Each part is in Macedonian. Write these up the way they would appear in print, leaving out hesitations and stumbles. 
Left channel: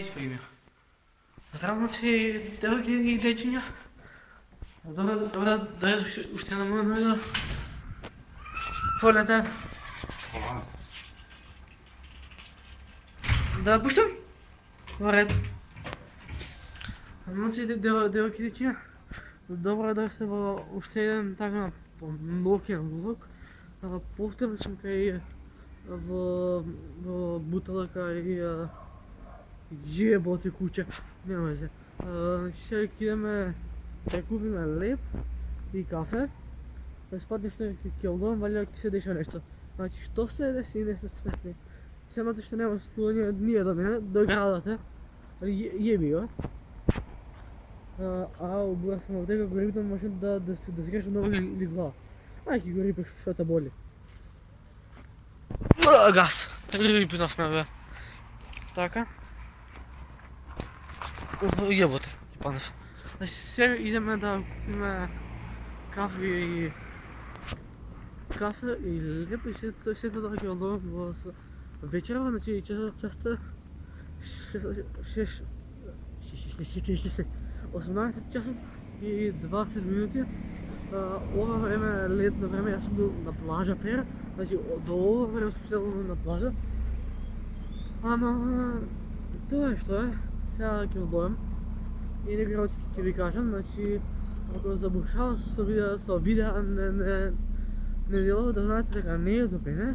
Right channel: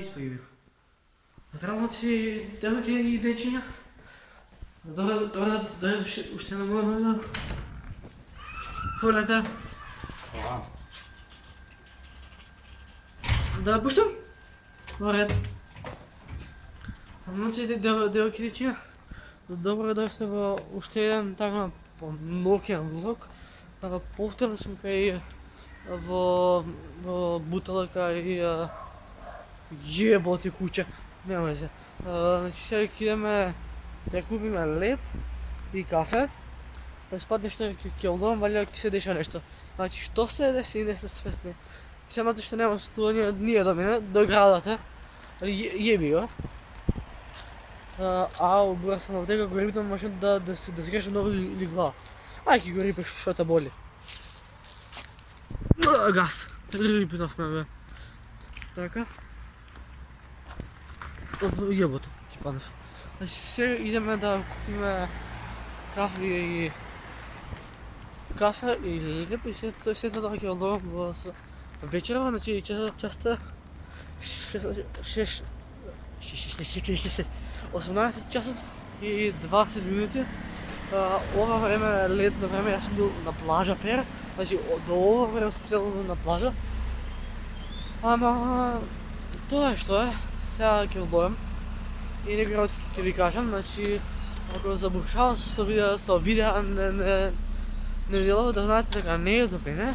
изпримих. Здраво си, девойки и дечиња. Добре, уште на моја нога. Полете. Да пуштам? Наред. Момци, девойки и дечиња. Добро дојсте во уште еден така ноќен влог. Повторно сум кај во буталка и јеботи куќе. Нема везе. Значи сега ќе идеме да купиме леб и кафе. Спад нешто ќе одам, валја ќе се деша нешто. Значи што се деси и не се свесни. Самото што нема слугање ние до мене, до градата. Јеби го. Бура сам овдека го рипнам машин да се греша много или глава. Ајде ќе го рипеш што те боли. Газ! Рипнавме бе. Така. Јеботе, ќе паднав. Значи сега идеме да купиме кафе и леб и сето тоа ќе одам во вечерва, значи часта 18 часот и 20 минути. Ова време, летно време, јас сум бил на плажа пер, значи до ова време сум седел на плажа. Ама тоа е што е, сега ќе одлојам и некој работи ќе ви кажам, значи ако забушава со видеа не делува да знаете дека не е добре, не?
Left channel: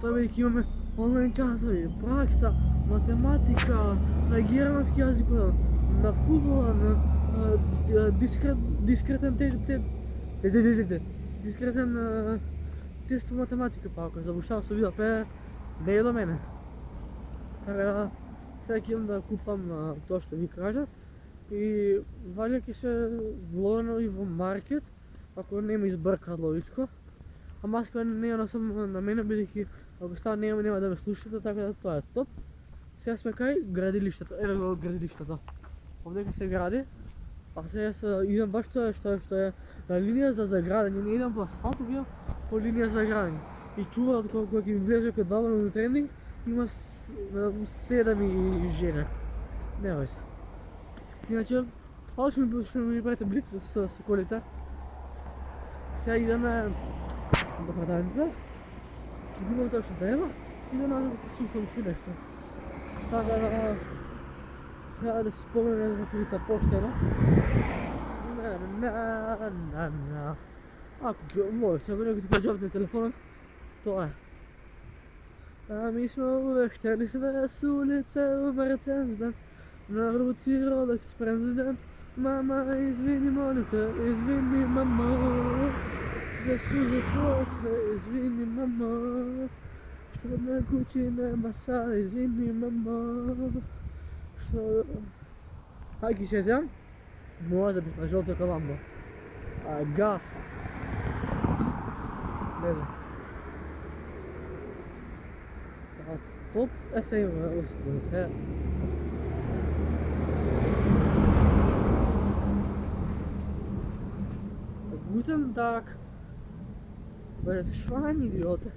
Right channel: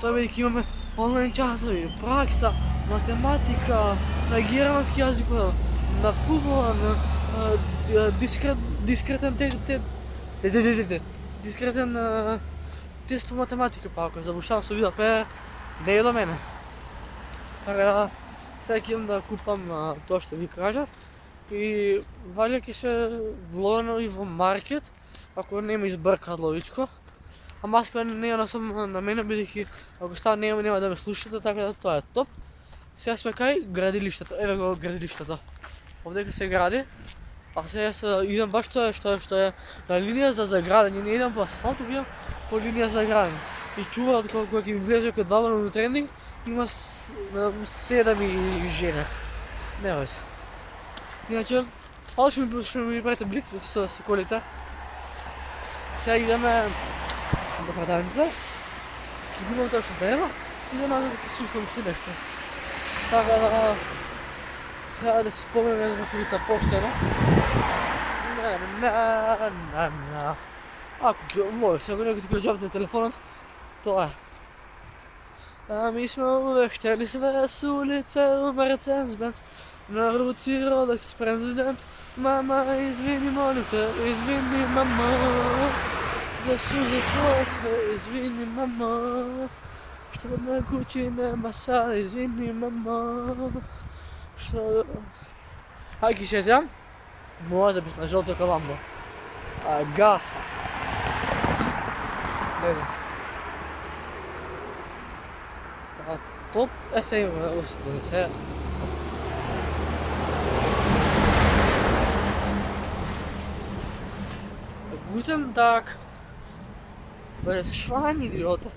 Тоа бидејќи имаме онлайн часови, пракса, математика, на германски јазик, на фудбала, на дискретен тест по математика, па ако забушавам со видео пе, не е до мене. Така да, сега ќе идам да купам тоа што ви кажав и валја ќе се влогам и во маркет, ако не ме избркаат ловичко. А маска не ја носам на мене, бидејќи ако става нема да ме слушате, така да тоа е топ. Сега сме кај градилиштето, еве го градилиштето. Овдека се гради, а сега идам баш тоа што е на линија за заградење, не идам по асфалт, идам по линија за градење. И чувам кога ќе ми влезе кај двама на тренинг, има 7 и жена. Нема веќе. Иначе, што ми правите блиц со колите. Сега идеме до продавница, ќе купам тоа што треба и за назад ќе слушам уште нешто. Така да, сега да си спомнеме за колица поштено. Ако ќе влога, сега некој ти ќе на телефонот, тоа е. Ми сме улештели све с улица Мерцедес-Бенц, на руци Ролекс президент. Мама, извини, молим те, извини, мама, за сужи твоje sve, извини, мама, što me kući nema sada, извини, мама, što... Ајки ще зям, може да би на жълто каламбо. Газ. Гледай. Така, топ, сега има устата да се... Guten Tag. Das ist Schweinidiote.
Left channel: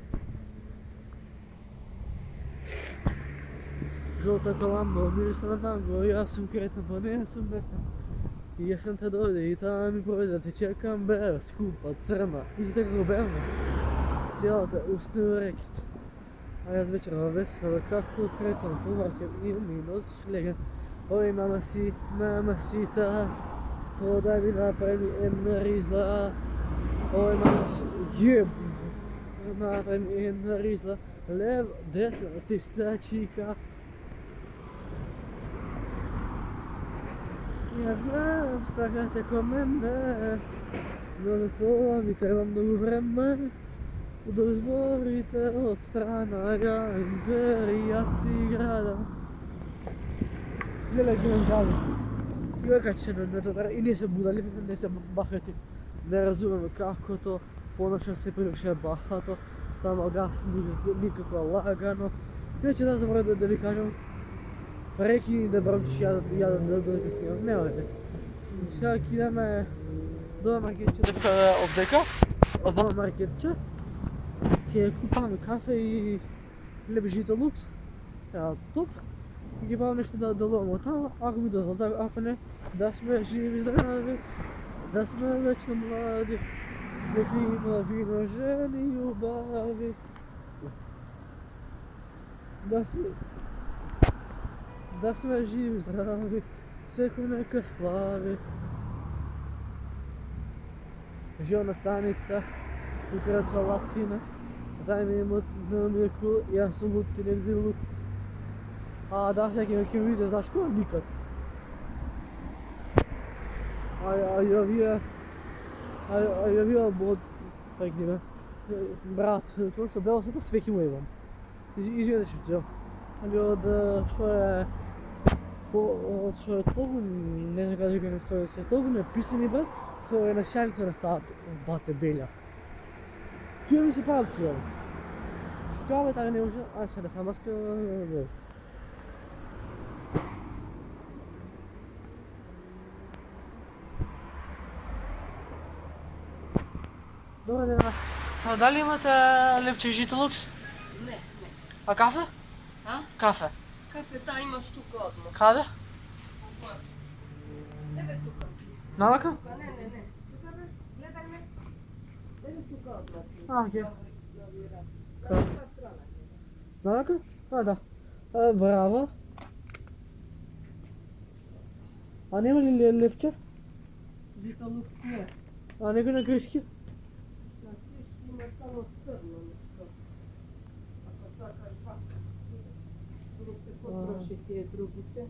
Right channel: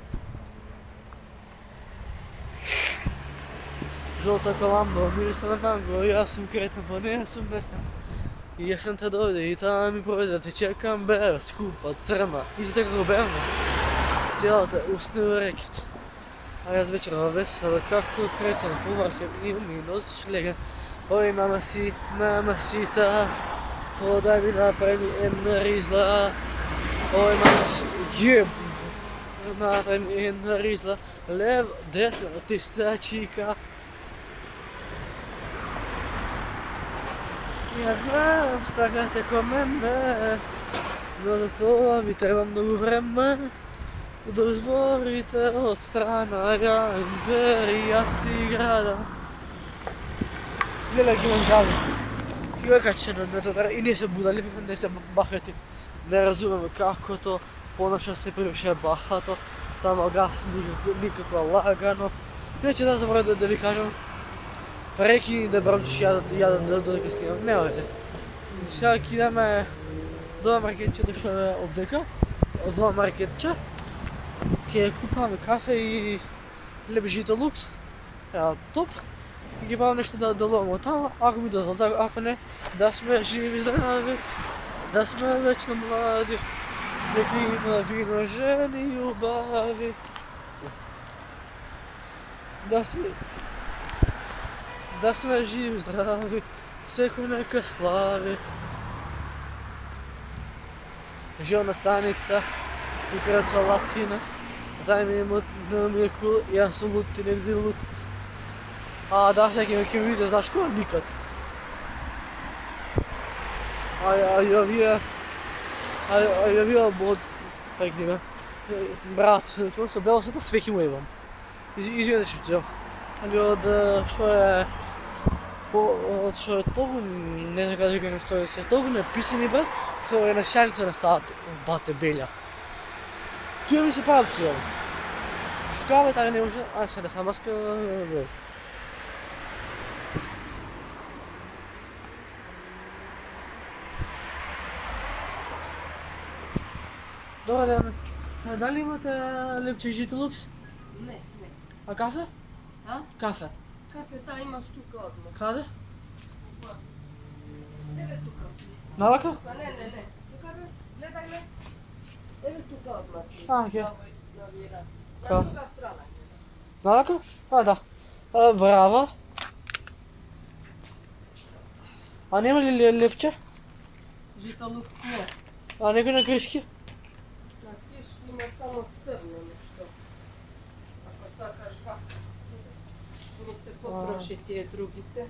Жълта каламба, мириса на манго, и аз съм кретен, па не, аз съм бесен. И јас сам те дојде и таа ми проведе, те чекам бера, скупа, црна, и така го бевна. Целата устна рекет. А јас вечерва весела, както кретен, повракем и ми носиш леген. Ой, мамасита, подай ми направи една ризла. Ой, мамасита, направи ми една ризла. Лев, десна, тестачика. Ја знам, сакате ко мене, но за тоа ви треба многу време да изборите од страна ја империја си града. Леле ги имам гави. Ги го качено на тоа и не се будали, не се бахати. Не разумеме како то понаша се превише бахато, става газ никако лагано. Иначе да забравя да ви кажам, прекини да брамчиш ја да снимам, нема веќе. Сега ќе идеме до маркетче да што е овдека, во маркетче. Ќе купаме кафе и леб жито лукс, топ. и ги правим нещо да ловим оттам, ако ми дадат, ако не, да сме живи и здрави, да сме вечно млади, нека има вино, жени и любави. Да сме живи и здрави, всеко нека слави. Žilna stanica i kraca Latina. Daj mi je cool, ja sam lut i ne vidim lut. A da se nekim vidio, znaš ko? Nikad. A ja bio bod, jak nime, brat, to se belo se to svih imam. Izvijem se ću. Ali od što je togo, ne znam kada kažem što je se togo napisani brат, to je na šalica na stat, bate belja. Tu mi se pravci ovo. Šukava tako ne može, a sada sam maska. Dobar dan. A da li imate lepče Žitolux? Ne. A kafe? A? Kafe. Kafe ta imaš tuka odmah. Kada? Evo tuka. Navaka? Pa ne. Tuka be, gledaj me. Evo tuka odmah. A, okej. Navira. Kao? Na ta strana. Navaka? A, da. Bravo. A nema li lepče? Žitolux ne. A nego na kriški? Na kiški ima samo crno nešto. Ako sakaš vaka. Mi se potroši tije drugite.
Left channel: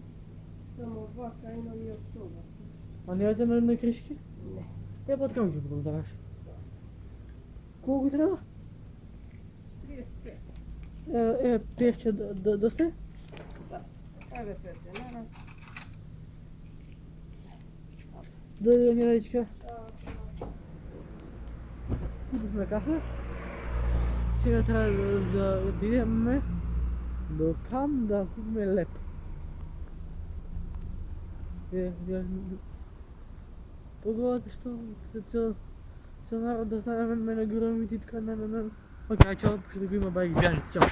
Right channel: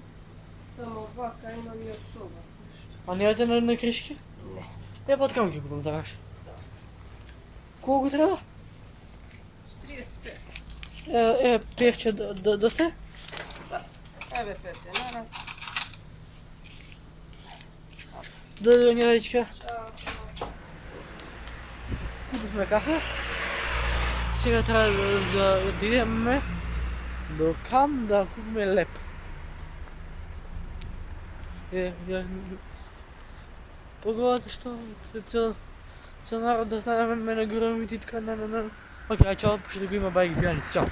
Samo vaka imam još ova. A nemate на кришки? Ne. Я под камки купим, даваш. Колко трябва? 35. Певче, доста? Evo pete, nara. До Нелечка. Ćao. Купихме кафе. Сега трябва да отидем до Кам да купим леп. Погодата, що цял народ да знаем ме на громите и така. Окей, чао, ще го има байги пияници. Чао.